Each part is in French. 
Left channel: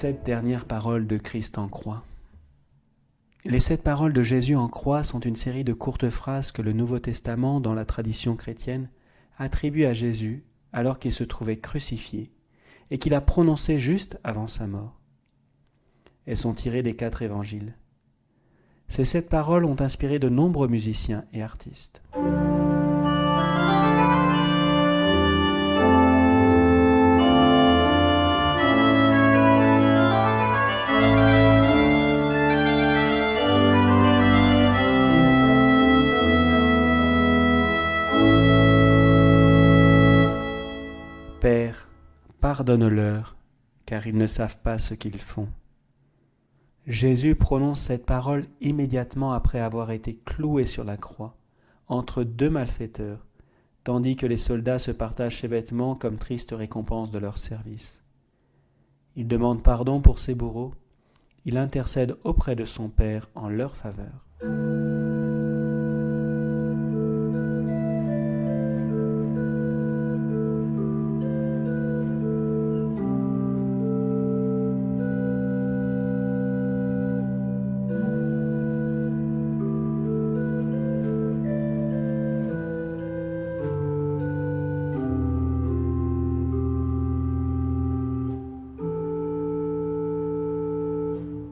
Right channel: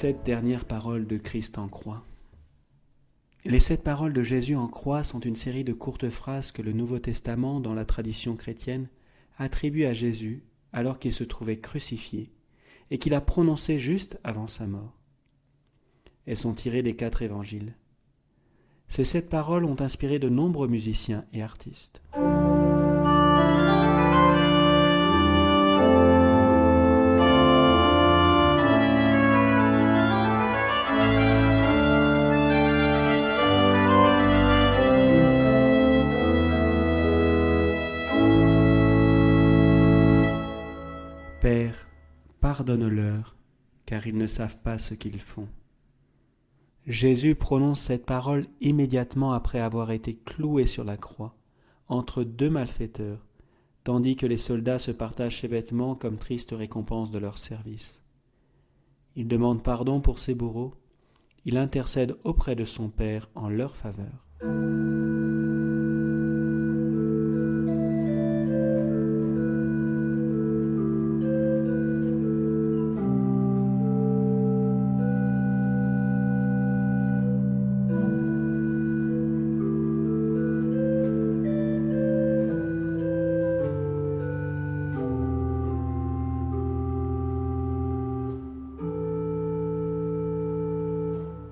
7 dernières paroles de Christ en croix. Les 7 paroles de Jésus en croix sont une série de courtes phrases que le Nouveau Testament, dans la tradition chrétienne, attribue à Jésus alors qu'il se trouvait crucifié et qu'il a prononcées juste avant sa mort. Elles sont tirées des 4 évangiles. Ces 7 paroles ont inspiré de nombreux musiciens et artistes. Père, pardonne-leur, car ils ne savent pas ce qu'ils font. Jésus prononce cette parole immédiatement après avoir été cloué sur la croix, entre 2 malfaiteurs, tandis que les soldats se partagent ses vêtements comme triste récompense de leur service. Il demande pardon pour ses bourreaux, il intercède auprès de son Père en leur faveur.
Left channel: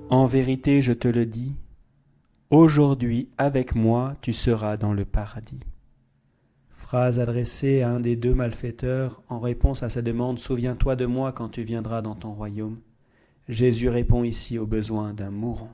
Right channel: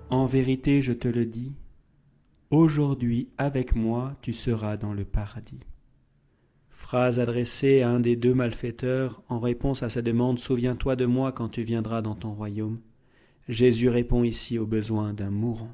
En vérité, je te le dis, aujourd'hui avec moi tu seras dans le paradis. Phrase adressée à un des 2 malfaiteurs en réponse à sa demande « Souviens-toi de moi quand tu viendras dans ton royaume ». Jésus répond ici aux besoins d'un mourant.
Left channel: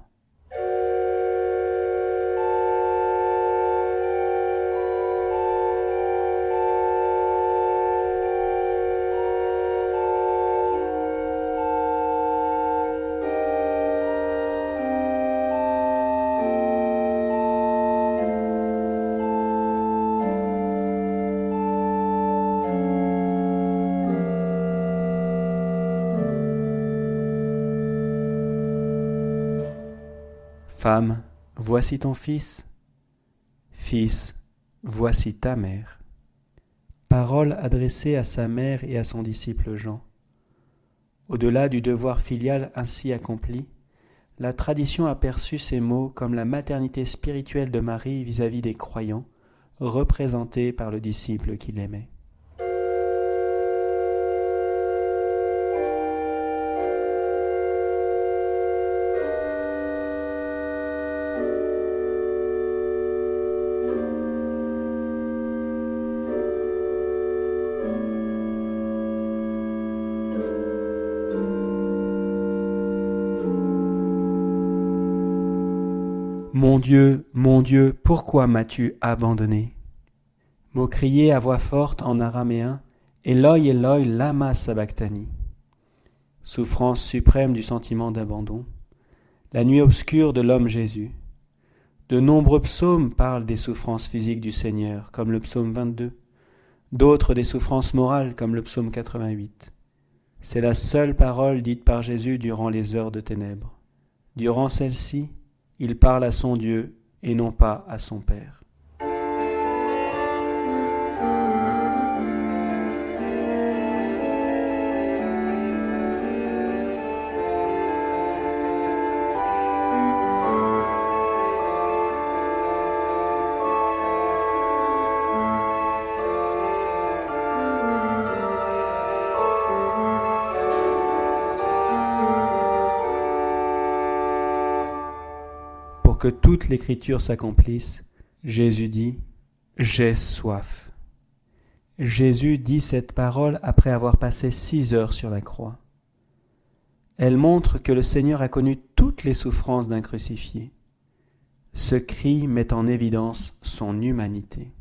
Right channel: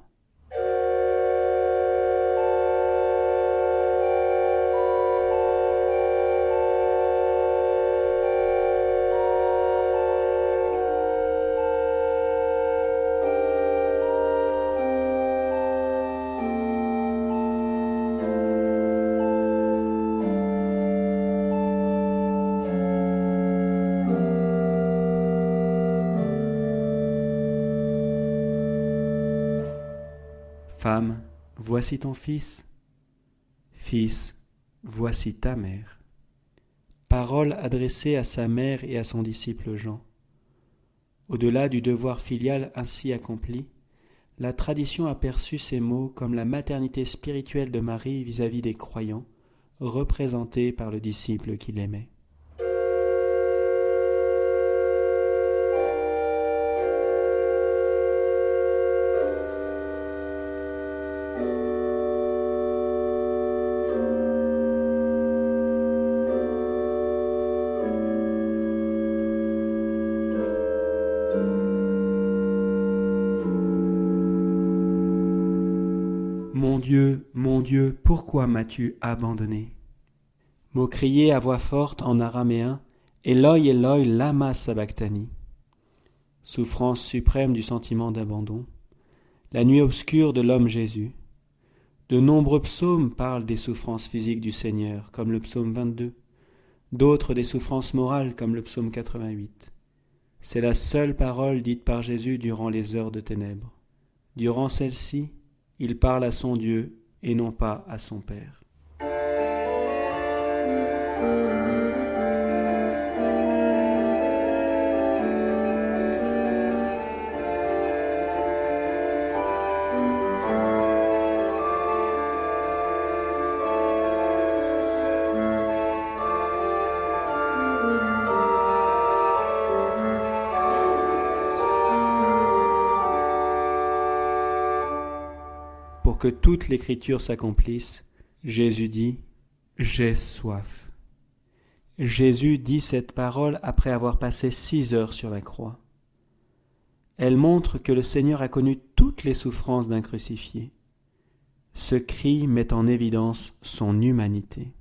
Femme, voici ton fils. Fils, voici ta mère. Parole adressée à sa mère et à son disciple Jean. Au-delà du devoir filial ainsi accompli, la tradition a perçu ces mots comme la maternité spirituelle de Marie vis-à-vis des croyants, représentée par le disciple qui l'aimait. Mon Dieu, pourquoi m'as-tu abandonné » Mot crié à voix forte en araméen, Eloi, Eloi, lama sabachthani. Souffrance suprême du sentiment d'abandon, la nuit obscure de l'homme Jésus. De nombreux psaumes parlent des souffrances physiques du Seigneur, comme le psaume 22, d'autres des souffrances morales, comme le psaume 88. C'est la seule parole dite par Jésus durant les heures de ténèbres. Durant celle-ci, il parle à son Dieu et non pas à son Père. Pour que toute l'écriture s'accomplisse, Jésus dit « J'ai soif ». Jésus dit cette parole après avoir passé 6 heures sur la croix. Elle montre que le Seigneur a connu toutes les souffrances d'un crucifié. Ce cri met en évidence son humanité.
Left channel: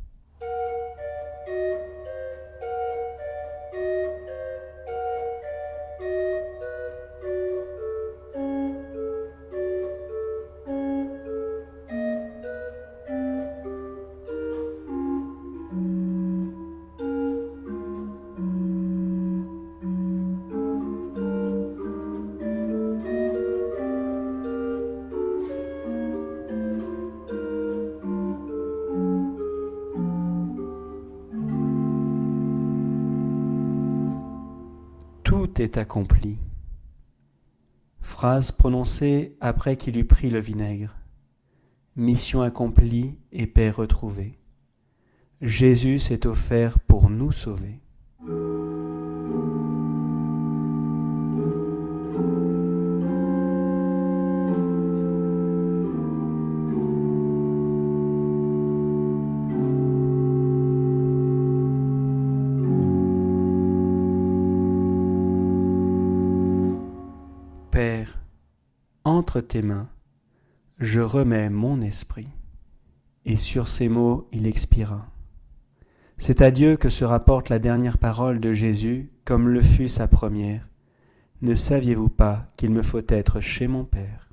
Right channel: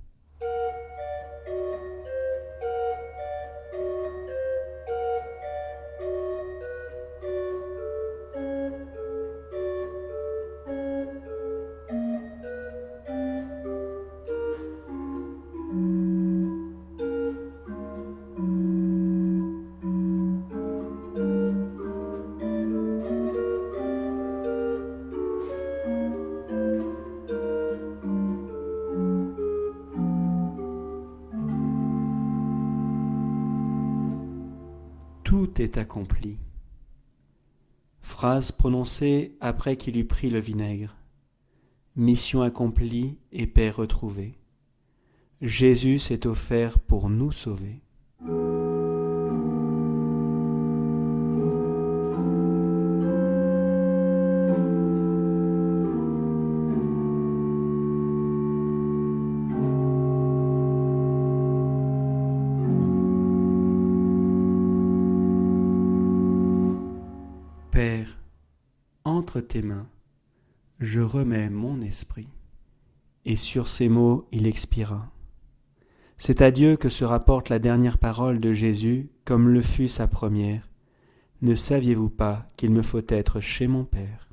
Tout est accompli. Phrase prononcée après qu'il eut pris le vinaigre. Mission accomplie et paix retrouvée. Jésus s'est offert pour nous sauver. Père, entre tes mains, je remets mon esprit. Et sur ces mots, il expira. C'est à Dieu que se rapporte la dernière parole de Jésus, comme le fut sa première. Ne saviez-vous pas qu'il me faut être chez mon Père ?